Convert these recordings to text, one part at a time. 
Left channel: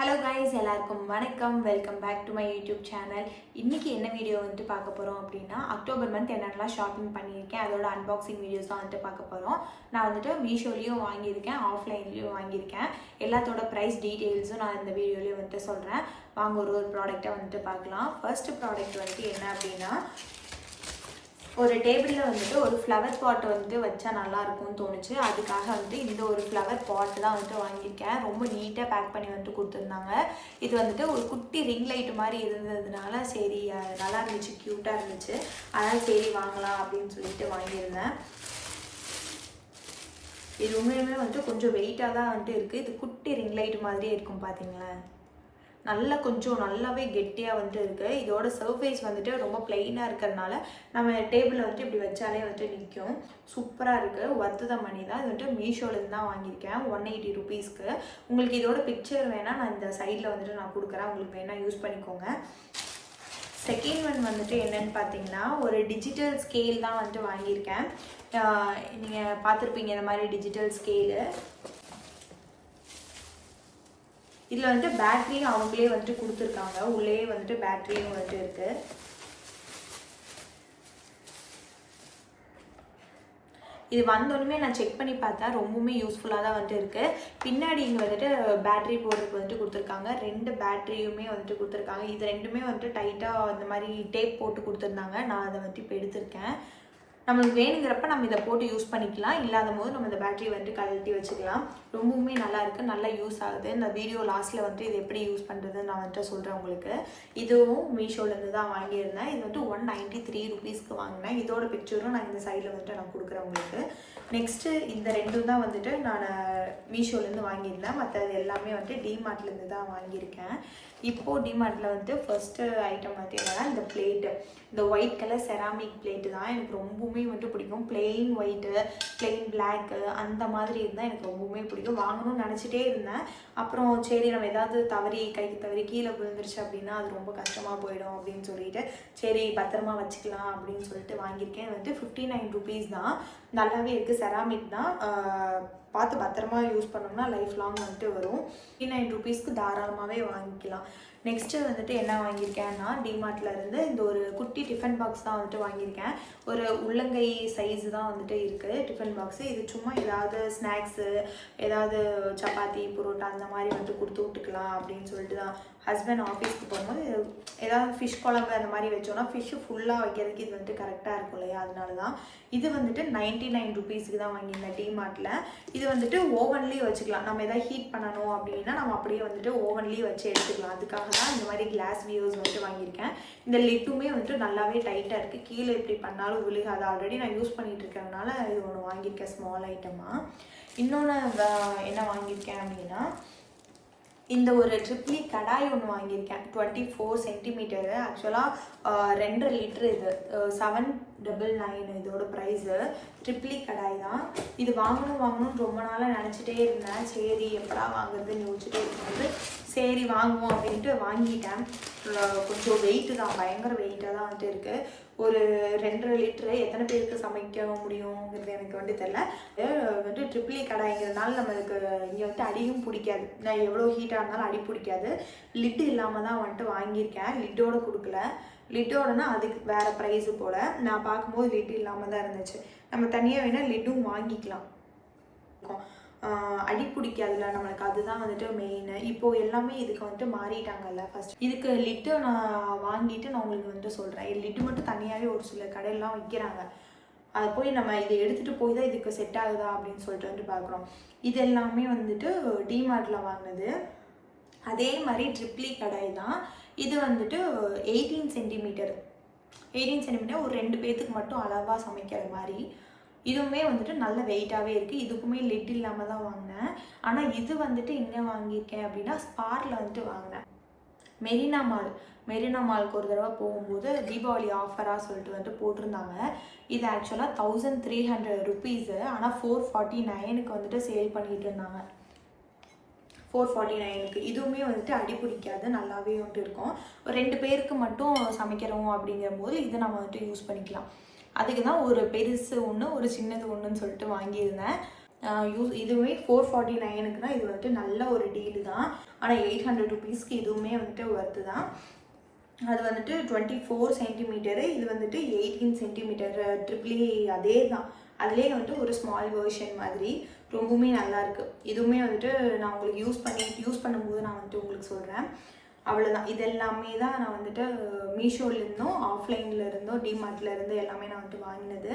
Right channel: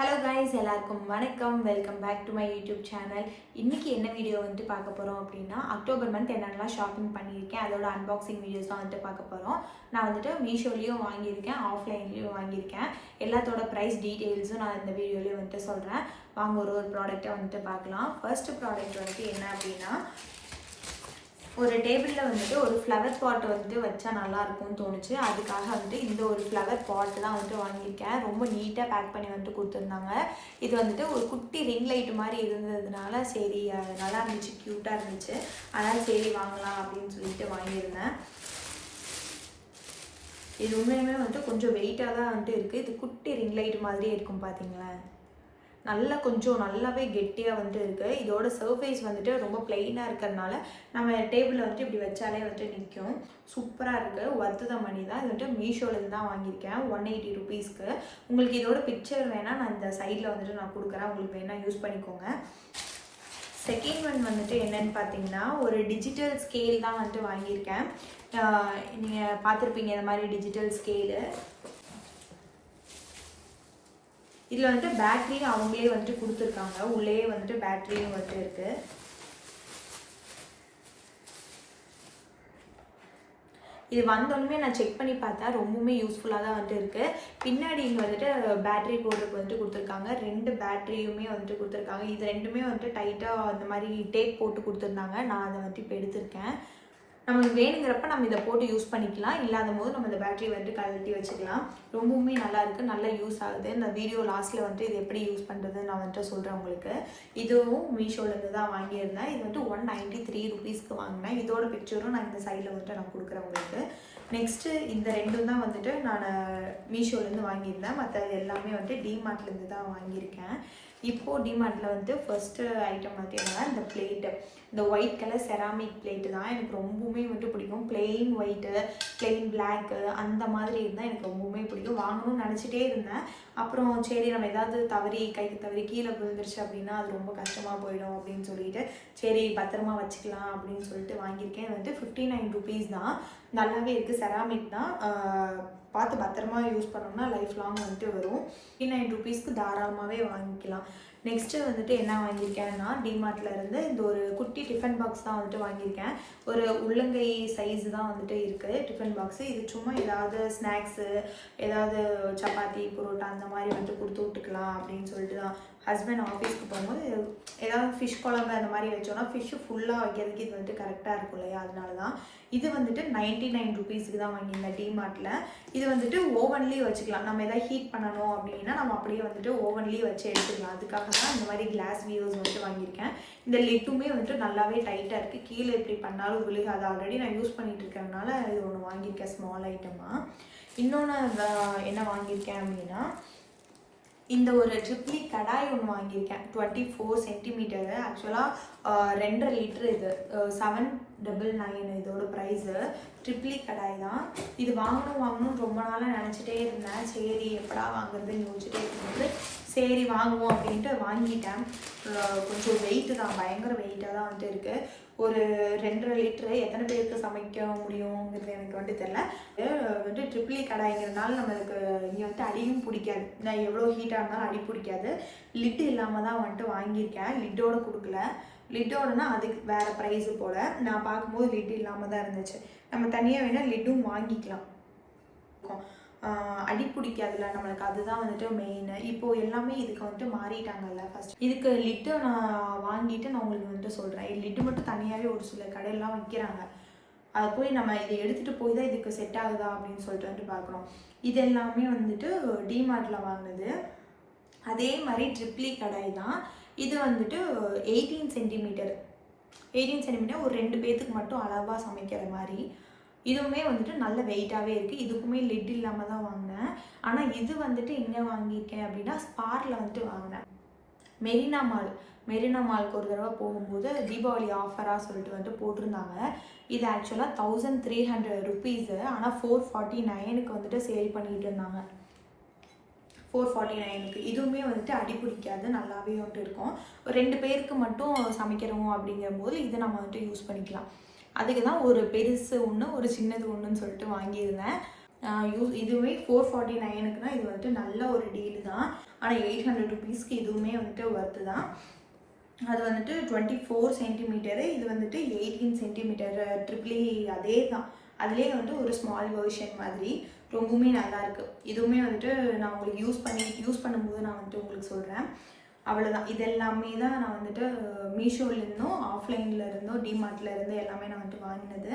Hello guys, எல்லாருக்கும் வணக்கம். Welcome back to my YouTube channel. இன்றைக்கி என்ன வீடியோ வந்துட்டு பார்க்க போகிறோம் அப்படின்னா, அக்டோபர் மந்த் என்னென்னலாம் ஷாப்பிங் பண்ணியிருக்கேன் அதோட அன்பாக்சிங் வீடியோஸ் தான் வந்துட்டு பார்க்க போகிறோம். நான் வந்துட்டு மீஷோலேயும் வாங்கியிருக்கேன், ஆஃப்லைன்லேயும் வாங்கியிருக்கேன். எல்லாத்தோட ப்ரைஸ் டீட்டெயில்ஸும் நான் இந்த வீடியோலேயே வந்துட்டு சொல்கிறேன். வாங்க ஒரு ப்ராடக்ட்டை வந்துட்டு பார்க்கலாம். ஃபர்ஸ்ட் ப்ராடக்ட் வந்துட்டு என்ன அப்படின்னா, ஒரு டேபிளில் வந்துட்டு ஒரு ஃப்ளவர் பாட் வந்துட்டு வச்சா நல்லாயிருக்கும்னு தோணுச்சு. அதுக்காக வந்துட்டு இந்த ஒரு ஃப்ளவர் பாட்டு தான் வந்துட்டு வாங்கியிருக்கேன். ரொம்ப நீட்டாக பேக் பண்ணி வந்துட்டு கொடுத்துருந்தாங்க. இது வந்துட்டு ஒரு குட்டி ரிங் லைட் மாதிரி இருந்ததுனால சரி நல்லா இருந்துச்சு, க்யூட்டாக இருந்துச்சு. அதனால் சரி வாங்கலாம் அப்படின்னு சொல்லிட்டு வாங்கியிருந்தேன். இது உண்மையுமே வந்துட்டு கொஞ்சம் வெயிட்டாக தான் வந்துட்டு இருக்குது. இது குட்டி ரிங் லைட் மாதிரியே இருக்கும் பார்த்தீங்களேன். கொஞ்சம் நல்லாவே கெட்டியாக வந்துட்டு இருக்குது. இதோட சர்ஃபேஸ் வந்துட்டு ரொம்ப பிளெயினாக இருக்கிறதுனால நம்ம டேபிளில் வந்துட்டு இப்படி வச்சாலே வந்துட்டு நிற்கும். சூப்பராக இருக்குது. ஒர்த்து த மணி தான். இது வந்துட்டு மீஷோலேருந்து தான் வாங்கியிருக்கேன் 180 ருபீஸ்க்கு. உங்களுக்கு இதோட பிக்சர் வேணால் நான் இந்த சைடில் வந்துட்டு நான் கொடுக்குறேன், உங்களுக்கு வேணால் யூஸ் பண்ணிக்கோங்க. செகண்ட் ஒன் வந்துட்டு என்னென்னு பார்த்தீங்கன்னா, ஒரு டிஜிட்டல் ஸ்கேல் தான் வந்துட்டு வாங்கியிருக்கேன். நீங்கள் பார்த்துருப்பீங்க இந்த மாதிரி டிஜிட்டல் ஸ்கேலு. இதில் வந்துட்டு பேட்ரியும் அவங்களே வந்துட்டு கொடுத்துருக்காங்க. உள்ளே வந்துட்டு பேட்ரியும் வந்துட்டு இருக்குது. இது வந்தோடனே நான் செக் பண்ணி பார்த்தேன், ரொம்பவுமே யூஸ்ஃபுல்லாக தான் வந்துட்டு இருக்குது. பின்னாடி இங்கே வந்துட்டு பேட்ரி போடுறதுக்கு வந்துட்டு கொடுத்துருக்காங்க. 2 பேட்ரியுமே வந்துட்டு கொடுத்துருக்காங்க. இது ரெண்டுமே வந்துட்டு டைட்டாக இந்த மாதிரி டேப் போட்டு கொடுத்துருந்தாங்க. நான் அதை வந்துட்டு இப்போ எடுத்திருக்கேன். நம்மளுக்கு வேணுங்கிறப்ப நம்ம இதை போட்டு யூஸ் பண்ணிக்கலாம். இல்லாத போது நம்ம இந்த பேட்டரி வந்துட்டு கழட்டி வச்சுக்கலாம். ரொம்பவுமே நல்லா இருக்குது, நல்லா யூஸ் ஆகுது. இந்த வீடியோ லாஸ்ட்டில் வந்துட்டு இது எப்படி யூஸ் பண்ணுறதுன்னு நான் வந்துட்டு சொல்கிறேன் உங்களுக்கு. இதுவும் மீஷோலேருந்து தான் வாங்கியிருந்தேன். இது வந்துட்டு 193 ருபீஸ்க்கு வாங்கினேன். இதோட பிக்சரும் நான் இந்த சைடில் வந்துட்டு நான் கொடுக்குறேன் உங்களுக்கு. நெக்ஸ்ட்டு இந்த ரெண்டும் தான் வந்துட்டு நான் மீஷோலேருந்து வாங்கியிருந்தேன். மற்றது எல்லாமே வந்துட்டு டிமார்ட்லேருந்து தான் வாங்கியிருக்கேன். இப்போது டிமார்ட்டில் வந்துட்டு ஃபஸ்ட்டு ஐட்டம் பார்த்தீங்கன்னா இந்த பிளேட்டு, இந்த ஒயிட் கலர் செராமிக் பிளேட்டு தான் எனக்கு ரொம்பவுமே வந்துட்டு பிடிக்கும். பிளெயின் ஒயிட்டு, பிளெயின் பிளாக்கு அந்த மாதிரி இருந்தால் எனக்கு ரொம்பவுமே பிடிக்கும். வாங்கணும்னு நினச்சிட்டே இருந்தேன். அப்புறம் சரி நம்ம ஏதாவது கைக்கு தவறி கீழே விழுந்துருச்சு அப்படின்னா அது ரொம்ப கஷ்டமாக போயிடும் அப்படின்னு சொல்லிட்டு சரி பத்திரமா வச்சுக்கலாம் அப்படின்னு சொல்லிட்டு வாங்கியிருக்கேன். இது வந்துட்டு 59 ருபீஸ் தான். நல்லாவே இருக்குது. செராமிக் தான், பார்த்து பத்திரமா யூஸ் பண்ணோம்னா லைஃப் லாங் வந்துட்டு வரும். 59 ருபீஸ்க்கு தாராளமாகவே வாங்கிக்கலாம். நெக்ஸ்ட்டு வந்துட்டு என்ன வாங்கியிருக்கேன்னா, டிமார்ட்டில் இருந்து இந்த ஒரு குட்டி டிஃபன் பாக்ஸ் தான் வந்துட்டு வாங்கியிருக்கேன். ஒரு உள்ளங்கை சைஸு தான் வந்துட்டு இருக்குது டிஃபன் பாக்ஸு. இது சும்மா ஏதாவது ஸ்நாக்ஸு, ஏதாவது சப்பாத்தி, புரோட்டா அந்த மாதிரி வந்துட்டு கொடுத்து விட்டுக்கலாம் அப்படின்னு சொல்லிட்டு தான். ஹஸ்பண்ட் ஆஃபீஸ்க்கு போகும்போது ஏதாவது ஃபிஷ் குழம்பு அந்த மாதிரி வச்சோன்னா ஃபிஷ்ஷு ஃபுல்லாக வைக்கிறதுக்கு இது வந்துட்டு கரெக்டாக இருக்கும் இல்லையா, அதனால தான். இது வந்துட்டு 99 ருபீஸுக்கு தான் வாங்கியிருந்தேன் டிமார்ட்டில். இது வந்துட்டு ஓவன்லேயே வச்சுக்கலாம். நம்ம எதாவது ஹீட் பண்ணணும் அப்படின்னா நம்ம அப்படியே வந்துட்டு ஓவன்லேயே வச்சு எடுத்துக்கலாம். அதுக்காக தான் இந்த மாதிரி கிளாஸ் வியூஸ் வந்துட்டு வாங்கியிருக்கேன். இந்த லிட்டுமே வந்துட்டு நல்லாவே டைட்டாக இருக்குது. கீழே இப்படி பண்ணாலும் விழுகாது. ஆல்ரெடி நான் யூஸ் பண்ணிகிட்டு இருக்கிறதுனால இது ஒன்று வாங்கியிருக்கேன் ஸ்மால் ஐட்டமாக. இன்னொன்று என்ன வாங்கியிருக்கேன் அப்படின்னா, இந்த ஒரு ட்ரிப்ளி கடாய் ஒன்று வாங்கியிருக்கேன். 24 சென்டிமீட்டரு. ஆக்சுவலாக 2.5 லிட்ரு. இது 799 இதோட ப்ரைஸு. ட்ரிப்ளி கடாய் தான். இது வாங்கணும்னு ரொம்ப நாளாக நினச்சிட்டே இருந்தேன். சரி எப்படா வாங்குறதுன்னு யோசிச்சுட்டே இருக்கும்போது சரி வாங்குவோம் அப்படின்ட்டு வாங்கிட்டேன். கொஞ்சம் வெயிட்டு தான், பயங்கர வெயிட்டாக தான் வந்துட்டு இருக்குது. ஒரு 2.5 லிட்ரு எத்தனை பேருக்கு சமைக்க முடியுங்கிறது எனக்கு வந்துட்டு தெரில. வந்துட்டு ட்ரிப்ளி கடாய்ங்கிறதுனால நம்மளுக்கு இங்கே வந்துட்டு அடியும் பிடிக்காது. நான் எவ்வளோ ஹீட்டாக இருந்தாலும் அடி பிடிக்காது. லிட்டு இல்லாமல் தான் வந்துட்டு வாங்கியிருக்கேன். லிட்டோடு கொடுக்கல. லிட்டோடனா அதுக்கு வேறு ப்ரைஸு போல். நான் பார்க்கும்போது லிட்டு இல்லாமல் தான் இருந்துச்சு. நம்ம தனியாக வேணால் லிட்டும் வாங்கிக்கலாம். அடி பிடிக்காதுல நம்மளுக்கு, அதுதான் வந்துட்டு மெயின். இப்போது எல்லாமே இதுக்கு வந்துட்டு மாறிட்டாங்கல்ல. ஃபஸ்ட் இதுக்கு லிட்டு நான் வாங்கிட்டு நான் உங்களுக்கு வந்துட்டு சொல்கிறேன். லிட்டு மட்டும் தனியாகவே ஒரு சில கடையெல்லாம் வைக்கிறாங்க. அது போய் நம்ம இதை எடுத்துகிட்டு போய் தான் இதுக்கு செட் ஆகுதா அப்படின்னு சொல்லிட்டு வந்துட்டு பார்க்குறோம். இது எல்லாமே வந்துட்டு டிமார்ட்டில் வாங்கினது. அதே மாதிரி ட்ரிப்ளி கடாய் தான். இது வந்துட்டு 18 சென்டிமீட்டர் ஒரு 2 பேர்த்துக்கு மட்டும் அளவாக சமைக்கிற மாதிரி. இதுவுமே வந்துட்டு நல்ல வெயிட்டாகவே இருக்குது. இதுக்குமே லிட் இல்லாமல் தான் வாங்கினேன். ஆனால் இது வந்துட்டு எங்கே வாங்கியிருக்கேன் அப்படின்னா, ஸ்பாரில் வந்துட்டு வாங்கினேன். மெரினா மாலுக்கு ஒரு தடவை போகும்போது தீபாவளி ஆஃபராக சொல்லிட்டு வந்துட்டு போட்டிருந்தாங்க. இது ஆக்சுவலாக 1300 ருபீஸு. ஆனால் 449க்கு வந்துட்டு சேல் பண்ணிகிட்டு இருந்தாங்க. 449க்கு. இதுவுமே வந்துட்டு அடி பிடிக்காது, நல்லாவே வந்துட்டு இருக்கும். 2 பேருக்கு மட்டும் சமைக்கிறோம் அப்படிங்கிற போது இதை நம்ம வந்துட்டு யூஸ் பண்ணிக்கலாம். அதுக்கு தான் ஒரு பெருசு ஒன்று, ஒரு சின்னது ஒன்றுன்னு சொல்லிட்டு வாங்கியிருந்தேன். இதுவுமே 449க்கு தான். இது வந்துட்டு நல்ல ஒரு டீல் தான். ஆனால் 800 ருபீஸ்க்கு இதுவுமே வந்துட்டு ஒர்த்து தான். அது வந்துட்டு 24 சென்டிமீட்டரு, இது வந்துட்டு 18 சென்டிமீட்டர் ட்ரிபிளி. அதே தான், அதுலேயே வந்துட்டு ஒரு ஸ்மால் வெர்ஷன் மாதிரி ரொம்பவுமே நல்லாயிருக்கு. இதுவுமே வந்துட்டு நான் உங்களுக்கு யூஸ் பண்ணும்போது நான் வந்துட்டு உங்களுக்கு சொல்கிறேன். அவ்வளோதான். இது எல்லாமே தான் நான் வந்துட்டு மீஷோலேருந்தும் ஆஃப்லைன்லேருந்தும் டிமார்ட்லேருந்து எல்லாமே நான் வந்துட்டு வாங்கினது.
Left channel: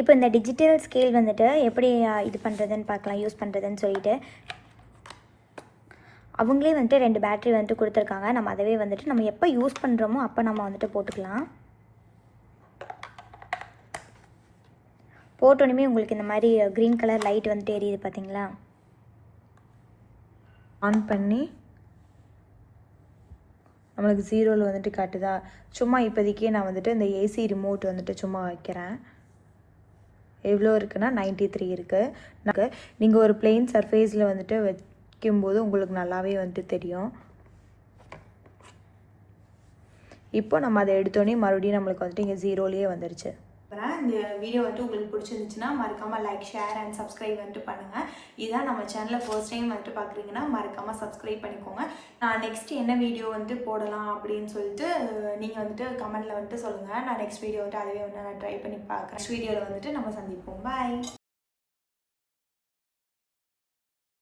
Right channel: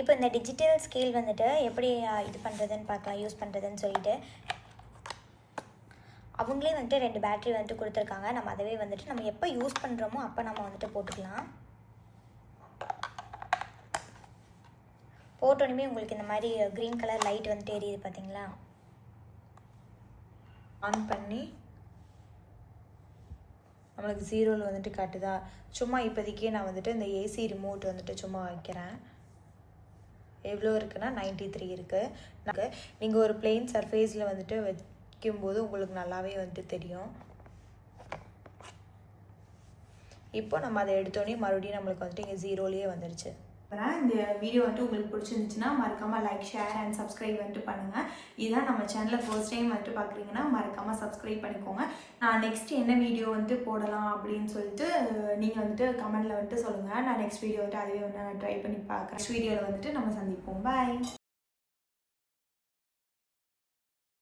இப்போ இந்த டிஜிட்டல் ஸ்கேல் வந்துட்டு எப்படி இது பண்ணுறதுன்னு பார்க்கலாம், யூஸ் பண்ணுறதுன்னு சொல்லிட்டு. அவங்களே வந்துட்டு 2 பேட்ரி வந்துட்டு கொடுத்துருக்காங்க. நம்ம அதவே வந்துட்டு நம்ம எப்போ யூஸ் பண்ணுறோமோ அப்போ நம்ம வந்துட்டு போட்டுக்கலாம். போட்டோன்னே உங்களுக்கு இந்த மாதிரி க்ரீன் கலர் லைட் வந்துட்டு எரியுது பார்த்தீங்களா? ஆன் பண்ணி நம்மளுக்கு 0ல் வந்துட்டு காட்டுதா? சும்மா இப்போதைக்கே நான் வந்துட்டு இந்த ஏசி ரிமோட் வந்துட்டு சும்மா வைக்கிறேன். எவ்வளோ இருக்குன்னா 93 இருக்குது. நீங்கள் ஒரு பிளெயின் சர்ஃபேஸில் வந்துட்டு வைக்கும்போது உங்களுக்கு நல்லாவே வந்துட்டு தெரியும். இப்போ நம்ம அதை எடுத்தோடனே மறுபடியும் நம்மளுக்கு வந்துட்டு இங்கே 0லேயே வந்துருச்சு. இந்த வீடியோ வந்துட்டு உங்களுக்கு பிடிச்சிருந்துச்சுன்னா மறக்காமல் லைக், ஷேர் அண்ட் சப்ஸ்கிரைப் வந்துட்டு பண்ணுங்கள். இதுதான் நம்ம சேனலில் ஃபர்ஸ்ட் டைம் வந்துட்டு பார்க்குறீங்கன்னா மறக்காமல் சப்ஸ்கிரைப் பண்ணிக்கோங்க. நான் நெக்ஸ்ட் என்ன வீடியோ வந்துட்டு போடலாம் அப்படின்னு சொல்லிட்டு நீங்கள் வந்துட்டு கமெண்டில் வந்துட்டு சொல்லுங்கள். நான் நெக்ஸ்ட் வீடியோ வந்துட்டு அதுவே வந்துட்டு நான் ட்ரை பண்ணி பார்க்குறேன். நெக்ஸ்ட் வீடியோவில் வந்துட்டு நம்ம சந்திப்போம். பாய்.